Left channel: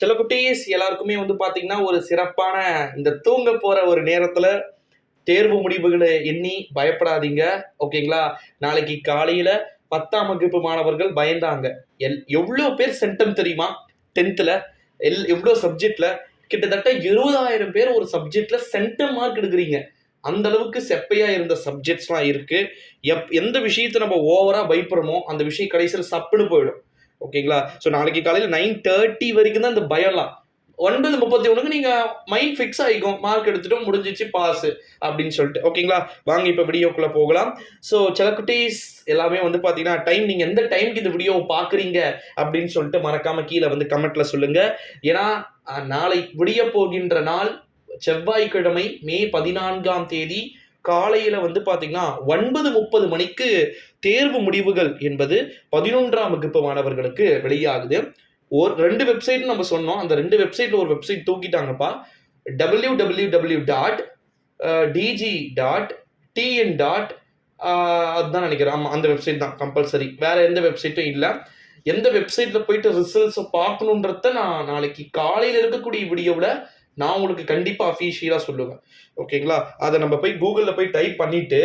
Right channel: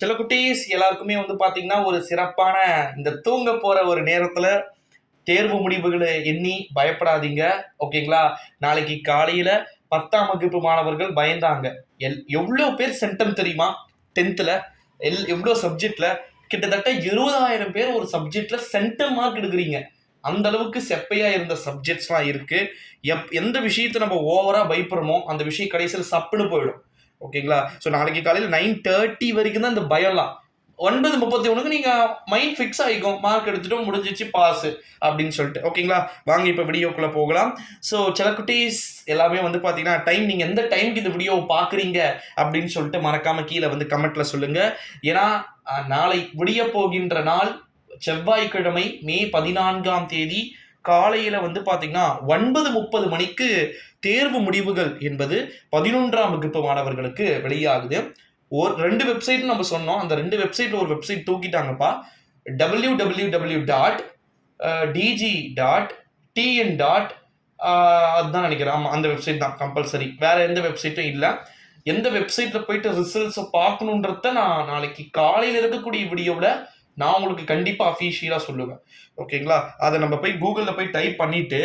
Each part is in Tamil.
சில குட்டீஸ் எல்லாருக்குமே வந்து பார்த்தீங்கன்னா, ஒரு சிறப்பான இந்த தூங்க போற ஒரு நேரத்தில தேர்வு முடிவுகள எண்ணி பயப்படாதீங்க. ஓகேங்களா? நாளைக்கு காலையில 10ஆம் வகுப்பு மாணவர்கள் பயந்தாங்க. எவ்ளோ பேர் சென்டம் தெரியுமா? 10த்ல எவ்ளோ சப்ஜெக்ட்ல கிட்டத்தட்ட 20,000 பேர் ஒரு சப்ஜெக்ட்ல சென்டம் மார்க் எடுக்குறீங்க. அந்த அளவுக்கு செப்பையா இருந்த சப்ஜெக்ட்ஸ்லாம் இருக்கு. எந்த விஷயத்த நம்ம ஓவரா பயப்படுறோமோ, அந்த விஷயம் கடைசியில சப்புன்னு போயிடும். ஓகேங்களா? ஸோ நாளைக்கு காலையில 9:30 வரைக்கும் தான் இந்த பயம்லாம். 9:31க்கு நீங்க மைண்ட் ஃபிக்ஸ் ஆயிக்கும். மார்க் எடுத்துட்டோம் முடிஞ்சிச்சு பாஸ் அப்படின்னு சொல்லிட்டு. ஓகேங்களா? வாங்க இப்ப வீடியோக்குள்ள போகலாம். ஸோ சில குட்டீஸ் எல்லாமே வந்து பார்த்தீங்கன்னா, நீங்க எந்த டைம்க்கு இந்த வீடியோவ பார்க்குறீங்க அப்படின்னு சொல்லிட்டு மறக்காம கீழ வந்து கமெண்ட்ல சொல்லுங்க. ஏன்னா, நாளை விடியப் போகின்ற நாள் செவ்வாய்க்கிழமை மே 14ஆம் தேதி காலையில வந்து பார்த்தீங்கன்னா, 9:30 மணிக்கு தேர்வு முடிவுகள் என்பது 11ஆம் வகுப்பு மாணவர்களுக்கு வெளியாகுது. 2 வெப்சைட்னு நம்ம சொன்னோம். அந்த 2 வெப்சைட்ல ஒரு வெப்சைட் தூக்கிட்டாங்கப்பா. www.dg.tn. அதுதான் நினைக்கிறேன். ஆமா, அந்த வெப்சைட் தான் கம்பல்சரி. வேற எந்த வெப்சைட்டும் இல்ல. எந்த வெப்சைட்ல போயிட்டு ரிசல்ட்ஸ பார்க்கணுன்றத நான் நாளைக்கு காலையில இருக்கக்கூடிய வீடியோவுல நான் உங்களுக்கு கண்டிப்பா அஃபிஷியலா சொல்லுவேன். ஓகேங்களா? அத நம்ம போய் Googleல போய் டைப் பண்ணிட்டு,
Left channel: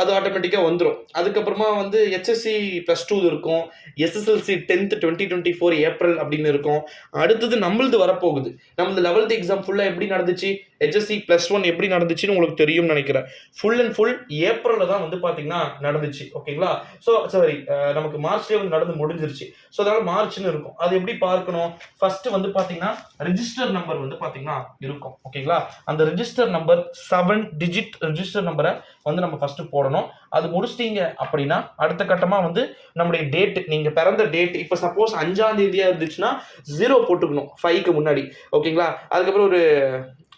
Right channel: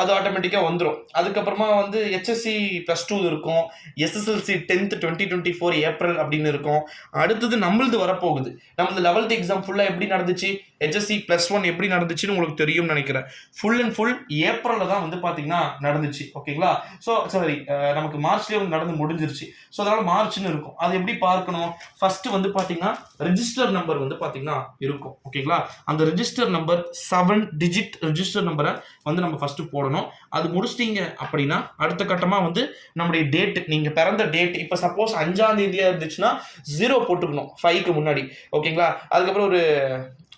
அது ஆட்டோமேட்டிக்கா வந்துரும். அதுக்கப்புறமா வந்து HSC +2 இருக்கும். SSLC 10th 2024 ஏப்ரல் அப்படின்னு இருக்கும். அடுத்தது நம்மளது வரப்போகுது. நம்மளது 11th எக்ஸாம் ஃபுல்லா எப்படி நடந்துச்சு? HSC +1 எப்படி நடந்துச்சுன்னு உங்களுக்கு தெரியும்னு நினைக்கிறேன். ஃபுல் அண்ட் ஃபுல் ஏப்ரல்ல தான் வந்து பார்த்தீங்கன்னா நடந்துச்சு. ஓகேங்களா? ஸோ சாரி, நமக்கு மார்ச்லயே வந்து நடந்து முடிஞ்சிருச்சு. ஸோ அதனால மார்ச்னு இருக்கும். அது எப்படி பார்க்கணும்? ஃபர்ஸ்ட் வந்து பார்த்தீங்கன்னா, ரிஜிஸ்டர் நம்பர் வந்து பார்த்தீங்கன்னா இருக்கும். ஓகேங்களா? அந்த ரிஜிஸ்டர் நம்பர் 7 டிஜிட் ரிஜிஸ்டர் நம்பர வந்து நம்ம ஃபர்ஸ்ட் போடணும். அது முடிச்சிட்டீங்க அப்படின்னா, அடுத்த கட்டமா வந்து நம்முடைய டேட், நீங்க பிறந்த டேட், இப்ப சப்போஸ் 5ஆம் தேதியா இருந்துச்சுன்னா 0 போட்டுக்கணும் 5க்கு முன்னாடி. ஓகேங்களா? அதுக்கப்புறம் ஒரு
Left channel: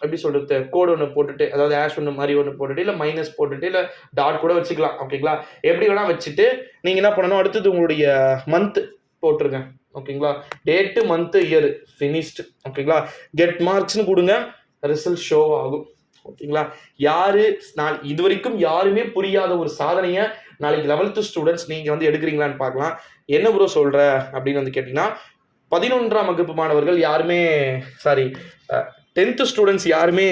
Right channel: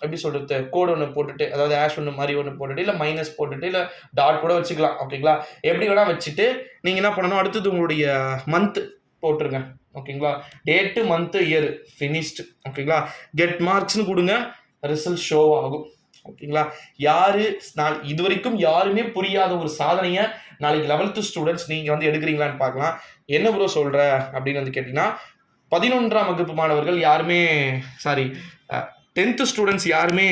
எப்படி சொல்றது, கோட் ஒண்ணு போட்டுட்டு, அதாவது # மாரி ஒண்ணு போட்டுட்டு, இல்ல மைனஸ் போட்டுட்டு, இல்ல டாட் கூட வச்சுக்கலாம். ஓகேங்களா? எப்படி வேணா வச்சுட்டு, நீங்க என்ன பண்ணணும், அடுத்தது உங்களுடைய மந்த் போட்டுருங்க. ஓகேங்களா? Date, month, year finished. ஓகேங்களா? கெட் மார்க்ஸ்னு குடுங்க. ரிசல்ட் ஷோ ஆகும். ஓகேங்களா? இதுவரைக்கும் யாருமே புரியாத ஒரு சாதனைய நாளைக்கு 11th ஸ்டூடண்ட்ஸ் நீங்க வந்து எடுக்கிறீங்களான்னு பார்க்கலாம். என்ன ப்ரோ சொல்ற அப்படின்னு வந்து கேட்டீங்கன்னா, 11ஆம் வகுப்பு மாணவர்கள் யாருமே, சாரி, 10th ஸ்டூடண்ட்ஸ் யாருமே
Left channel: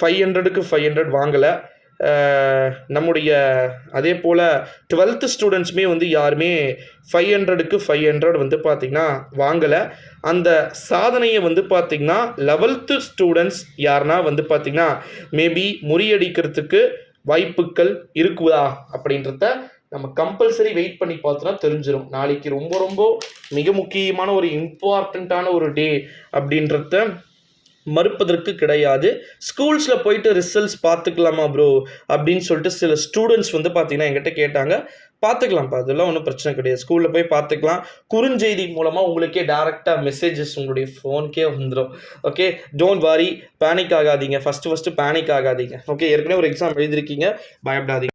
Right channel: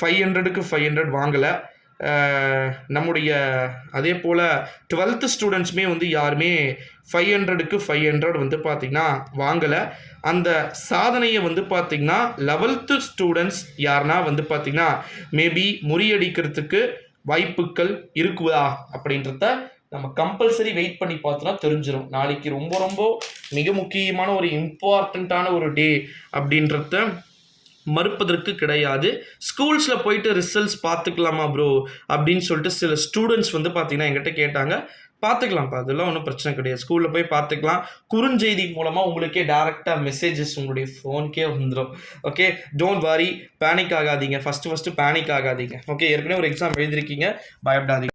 500க்கு 500 வாங்கல. நம்முடைய அதே போல 12th ஸ்டூடண்ட்ஸுமே வந்து யாருமே 500க்கு 500 வந்து பார்த்தீங்கன்னா வாங்கல. அந்த சாதனைய வந்து பார்த்தீங்கன்னா 11th ஸ்டூடண்ட்ஸ் யாருன்னா வந்து பார்த்தீங்கன்னா, மேபி முறியடிக்கிறதுக்கு வாய்ப்புக்கள் இருக்குதா அப்படின்றத நம்ம கம்பல்சரி வெயிட் பண்ணி பார்த்தோம்னா தெரிஞ்சிரும். நாளைக்கு ரொம்ப ரொம்ப மிக முக்கியமான ஒரு இம்பார்ட்டன்ட்டான ஒரு டே அப்படின்றத மறுப்பதற்கு கிடையாது. ஸ்கூல்ஸ்ல போயிட்டு ரிசல்ட்ஸ் பார்த்துக்கலாமா ப்ரோ அப்படின்னு சொல்லிட்டு சில ஸ்டூடெண்ட்ஸ் வந்து பார்த்தீங்கன்னா என்கிட்ட கேட்டாங்க. பார்த்துக்கலாம்ப்பா, அதெல்லாம் ஒன்றும் பிரச்சனை கிடையாது. ஸ்கூல்ல போய் பார்த்துக்கலாம். குறுஞ்செய்தி மூலமா உங்களுக்கே டைரக்ட்டா மெசேஜஸ் உங்களுடைய ஃபோனுக்கே வந்துரும். ஓகே, டோன்ட் வரி, பேனிக் ஆகாதீங்க. ஃபர்ஸ்ட் பேனிக் ஆகாதீங்க. ஓகே, ஏற்கனவே ஒரு எக்ஸாம் எழுதியிருக்கீங்க, பயப்படாதீங்க.